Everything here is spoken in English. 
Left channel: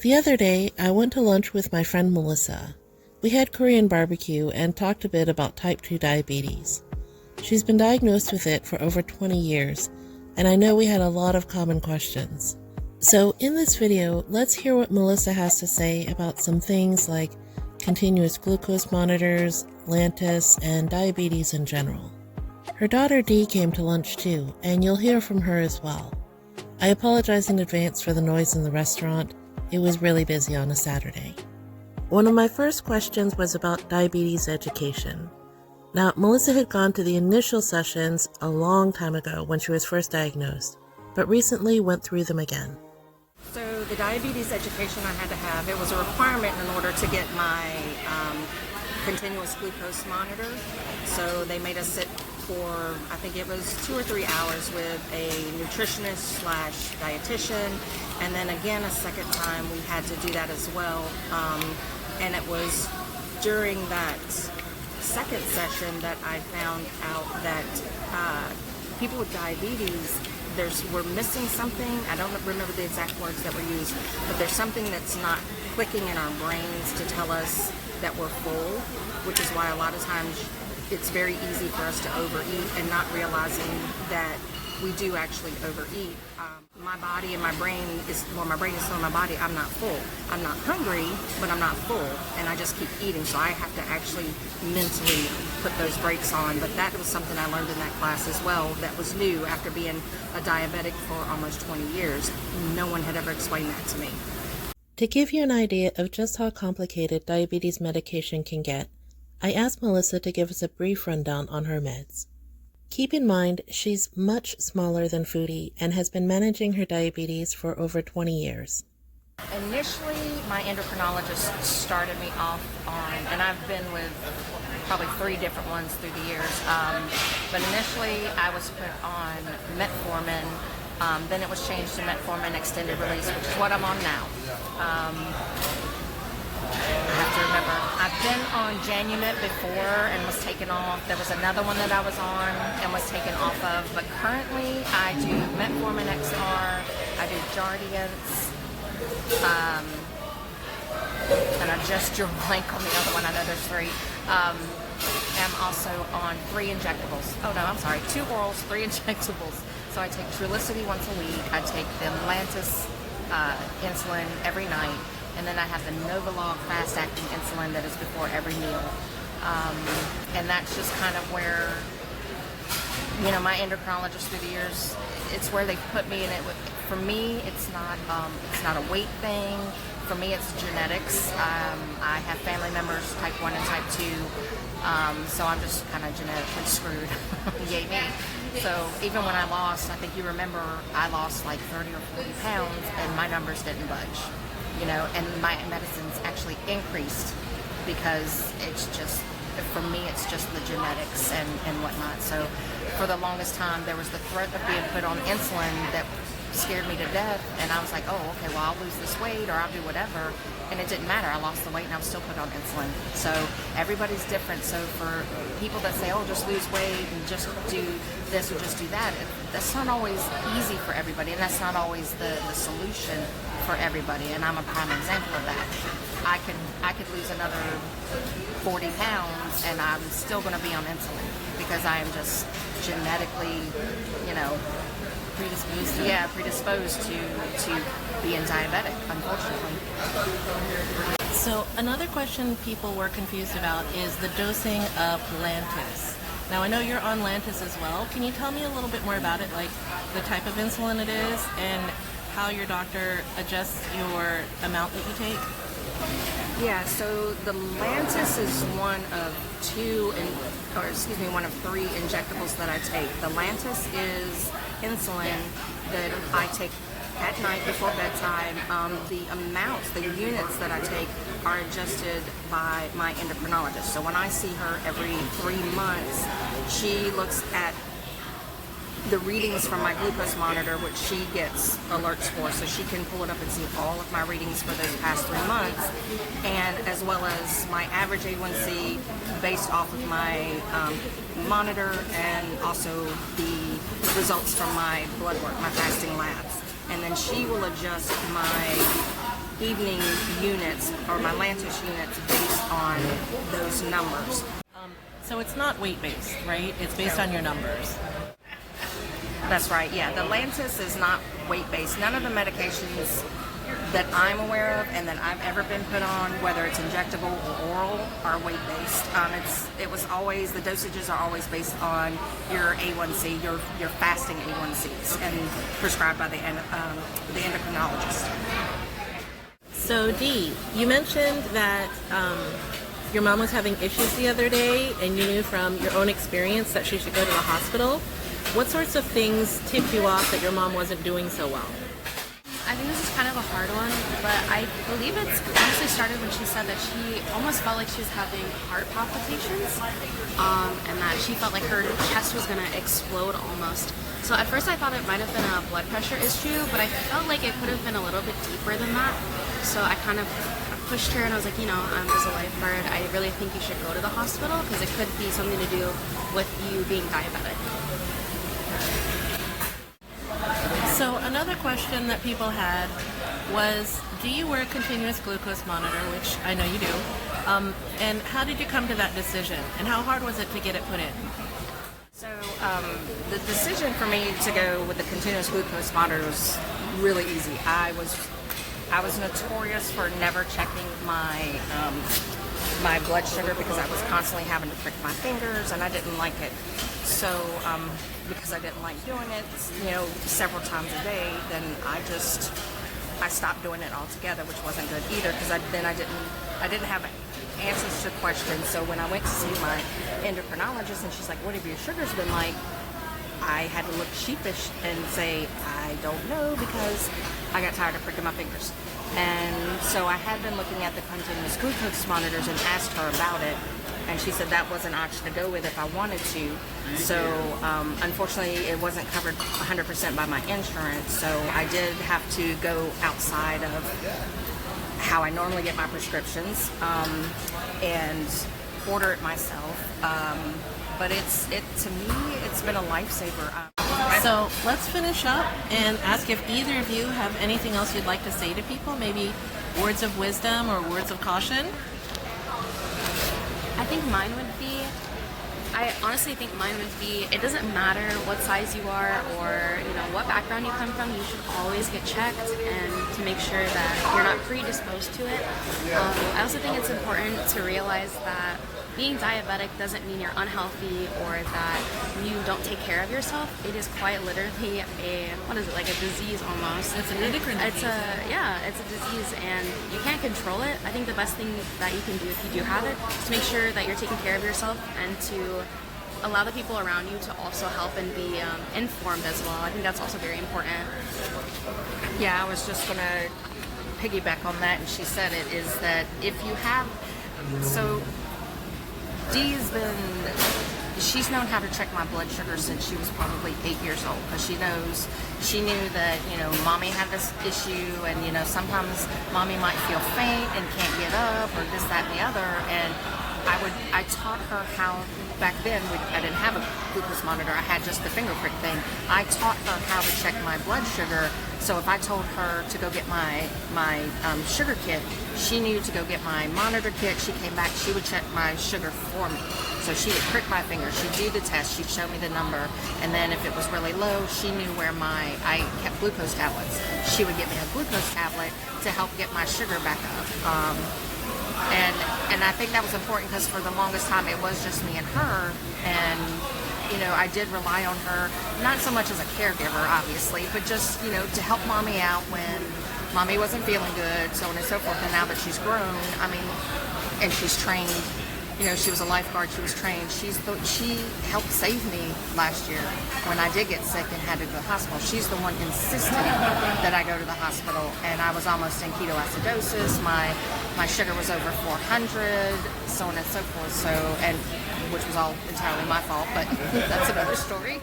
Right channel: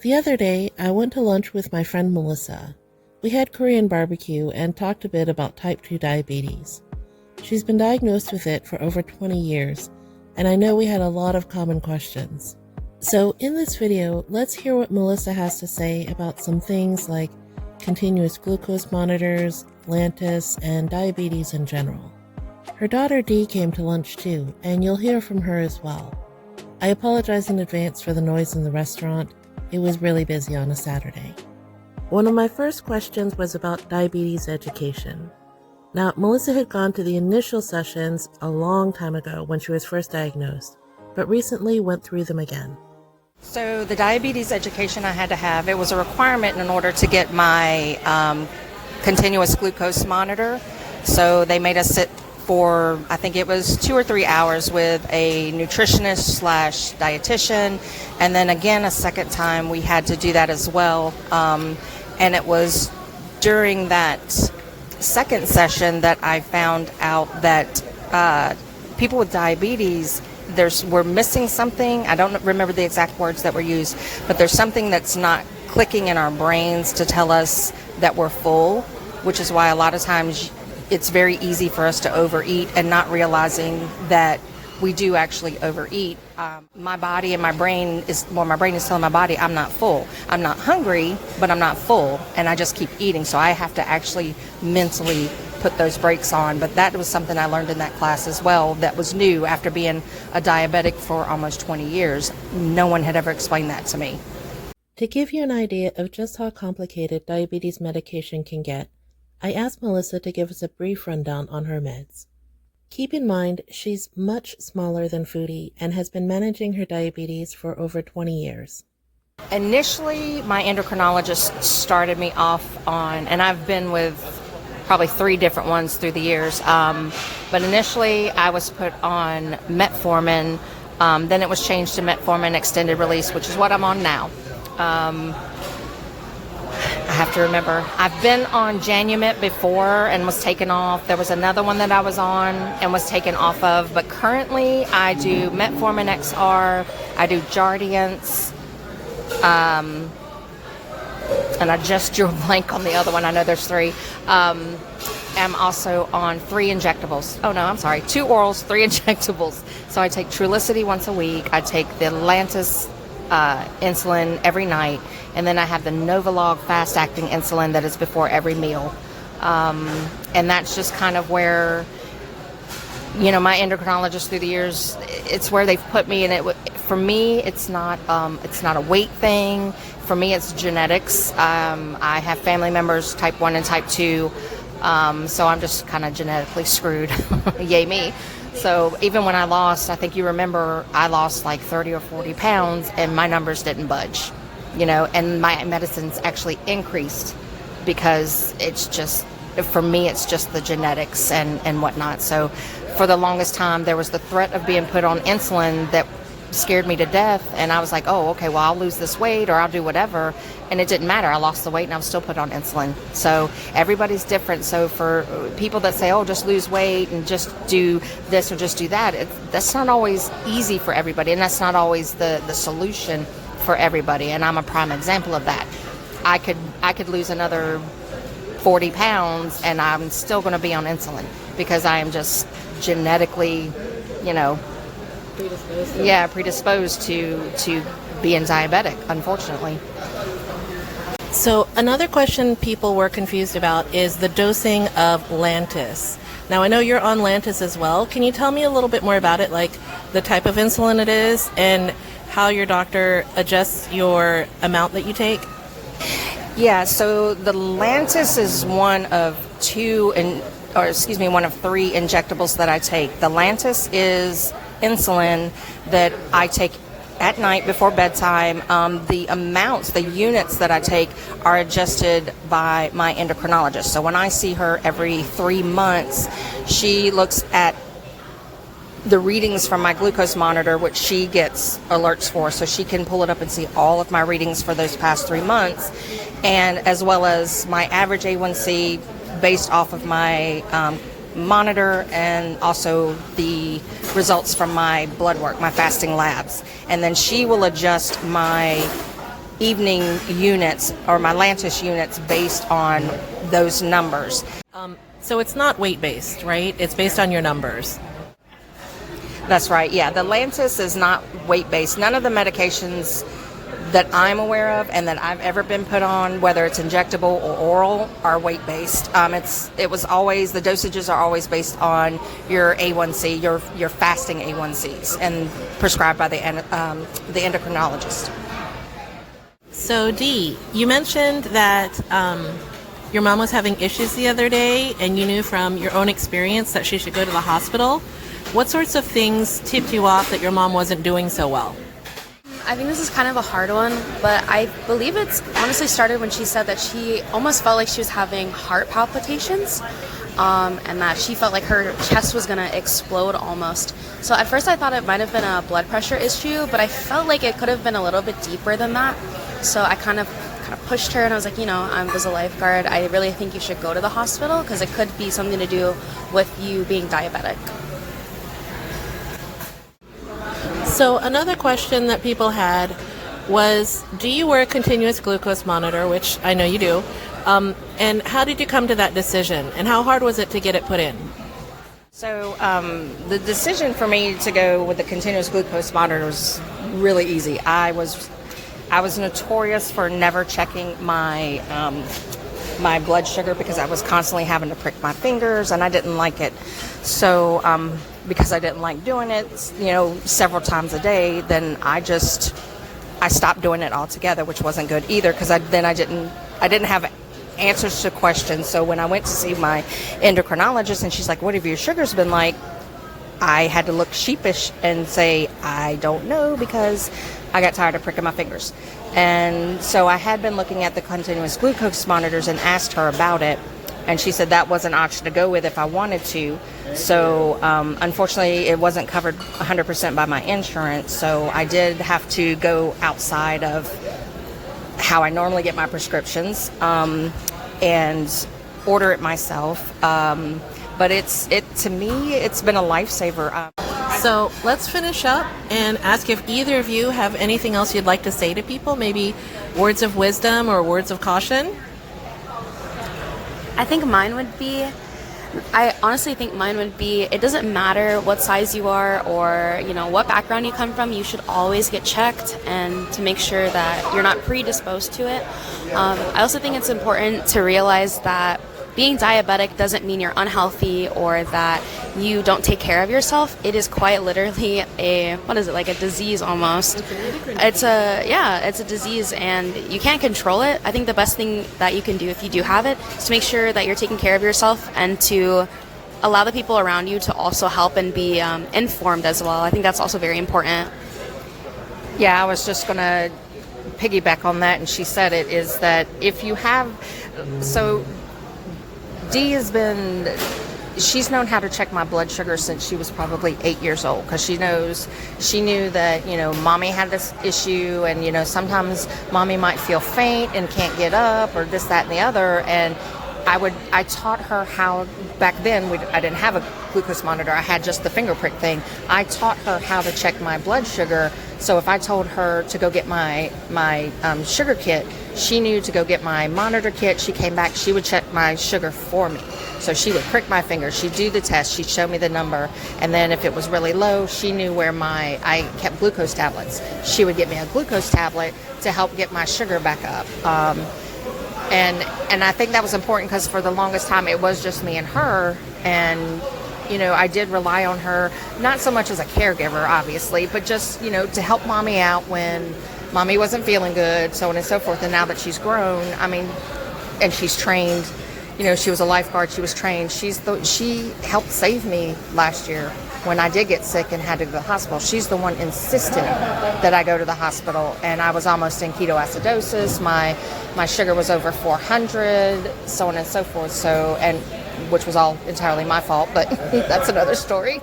The other day, I went to lunch with my friend Melissa. We had Korean barbecue and talked a bit about type 2 diabetes. She's been diagnosed with it for over 20 years, and I know we had a lot of common questions. So in this video, let's hear what Melissa has to say about some things like continuous glucose monitors, Lantus, and diabetes in general. Her daughter Dee came to lunch too, and you'll hear from her as well. I apologize in advance for the noise in the restaurant. It was really busy on a Saturday. One of my first questions was about diabetes education. Now, Melissa had gone to the initial sessions a long time ago when she was first diagnosed, but recently went through them again. So the diabetes education I had to have, it was a requirement in order to get my continuous glucose monitor. So they made us sit for, I think it was 2 or 3 hours with a nutritionist / dietitian. And then again, a second time we had to do that as well. And it was during that second session that I found out that people with diabetes, we're missing something. I don't remember the exact words that were used, but there's something that's not clicking in our brains to tell us that we're full, which is why a lot of times it's very easy for us to overeat and not realizing that we do actually overeat. My body and my brain my brain is telling my body I'm not full. I'm not hungry, but I'm not full, and I just keep eating. So I have to actually mentally put those brakes on. But that was something I learned in that class as well that was new after being a diabetic for almost 20 years. No one had ever explained that to me. To give you an idea of just how complicated diabetes medication can get, I asked Melissa to give us a brief rundown on her meds. Keep in mind, she's much smaller than Foodie and has been managing her diabetes for over 20 years. Initially, my endocrinologist started me off on, and I've been with probably 3 different ones through the years, but initially I was put on metformin, then it was changed to metformin extended release, which is what I'm on now. I have to remember, I've been on Janumit before and was taken off. There was another one that I was on and was taken off of, but currently I do metformin XR, I do Jardiance, and I just drew a blank on the other one. I know there's 3. I'm also on 3 injectables. Oh no, I'm sorry, 2 orals, 3 injectables. So I take Trulicity once a week. I take the Lantus insulin every night. And then I have the Novolog fast-acting insulin that is before every meal. And that's just kind of where, my endocrinologist through the years, it's where they've put me. And for me, it's not a weight thing. For me, it's genetics. I have family members, type 1 and type 2. So I'm just kind of genetically screwed. Yay me. So even when I lost, I think you remember, I lost like 30 or 40 pounds and my numbers didn't budge. And my medicines actually increased because it's just, for me, it's just the genetics and whatnot. So for the longest time, there was the threat of being put on insulin that scared me to death. And I was like, oh, okay, well, I'll lose this weight or I'll do whatever. And it didn't matter. I lost the weight and I was still put on insulin. So everybody's different. So for people that say, oh, just lose weight and just do this or just do that, that's not always easy for everybody. And that's not always the solution for everybody, and I'm a prime example of that. I could lose another 40 pounds and I'm still going to be on insulin because I am just genetically, predisposed to being diabetic, unfortunately. So another question people were confused about is the dosing of Lantus. Now I know you're on Lantus as well. Can you tell me a little bit more about it, like the type of insulin it is and how your doctor adjusts your amount that you take? Yeah, so the Lantus is one of 3 injectables that I take. The Lantus is insulin that I take at night before bedtime. The amounts, the units that I take are adjusted by my endocrinologist. So when I see her every 3 months, she looks at the readings from my glucose monitor, which she gets alerts for, so she can pull it up and see all of my readings for those past 3 months, and as well as my average A1C based off of my monitor, and also the results from my blood work, my fasting labs. And then she will adjust my evening units or my Lantus units based on those numbers. So it's not weight-based, right? It's based on your numbers. That's right, yeah. The Lantus is not weight-based. None of the medications that I'm aware of and that I've ever been put on, whether it's injectable or oral, are weight-based. The dosages are always based on your A1C, your fasting A1Cs, and prescribed by the endocrinologist. So Dee, you mentioned that your mom was having issues the other day, and you knew from your own experience that she should go to the hospital. What sorts of things tipped you off that your mom wasn't doing so well? I think this is kind of a hard one, but I believe it's honestly started when she said that she almost felt like she was having heart palpitations, and that she felt like her chest was going to explode almost. So at first I thought it might have been a blood pressure issue, but I felt like it could have been a little bit deeper than that. So I kind of pushed her and I was like, I'm as a lifeguard, I really think you should go to the hospital because it could be something to do with you being diabetic. So another question that people had was, do you wear a continuous glucose monitor, which I know you do, and how did you come to that decision, and how hard was it to get it put in? So the decision for me to go with the continuous glucose monitor was really easy. I was notorious for never checking my my blood sugar because I was constantly having to prick my fingers, and I didn't like it. So because I didn't like doing it, several times a day, then I stopped doing it altogether, which wasn't good either because I didn't have answers to questions. So when I went to see my endocrinologist and she's like, "What have your sugars been like?" I had to look sheepish and say, "I don't know," because I got tired of pricking my fingers. And so I had been looking at the continuous glucose monitors and asked her about it, and she said that was an option to go with if I wanted to. So unfortunately it wasn't covered 100% by my insurance, so I did have to go outside of how I normally get my prescriptions and order it myself. But to me it's been a lifesaver. So let's finish up and ask if either of you have anything else you'd like to say to people, maybe words of wisdom or words of caution. I honestly think mine would be, it doesn't matter what size you are or, what background you come from, you should always get checked and to make sure that you're not predisposed to it. I also think it's important to realize that being diabetic doesn't mean you're unhealthy or that you don't take care of yourself. It is quite literally like a disease almost. It's a disease and you can't control it. I think the best thing that you can do if you do have it is to make sure that you're taking care of yourself and to allow the people around you to also help and be informed as well. I think that's also very important. Yeah, I was just going to piggyback on that, and she said it, is that if you have, so Dee she's known how to check my blood sugar since she was probably 8 years old, because she knew that, mommy had this issue, and, sometimes mommy might feel faint and can't get up or this, that, and the other. And I taught her how, back then I didn't have a glucose monitor, I had just the finger prick thing. I taught her how to check my blood sugar. So if I told her to go get my sugar kit, she knew to go get my monitor kit. She came back, she would check my sugar for me. So she would prick my finger, she'd do the test, she'd show me the number, and then if it was really low, she knew where I kept glucose tablets. She would get me a glucose tablet to help get my sugar back up. And I think that was important because for the longest time it was just me and her, and I did rely on her, not so much as a caregiver obviously, but just to help mommy out when mommy wasn't feeling good, so on and so forth. And now that she's grown, and she's trained, she was a lifeguard, she was trained, she helped save me last year when I did get sick and had to go to the hospital. She's the one insisting that I go to the hospital, and I was almost in ketoacidosis. My sugar was over 400, so on and so forth. So, and which was all entirely my fault, but that's another story.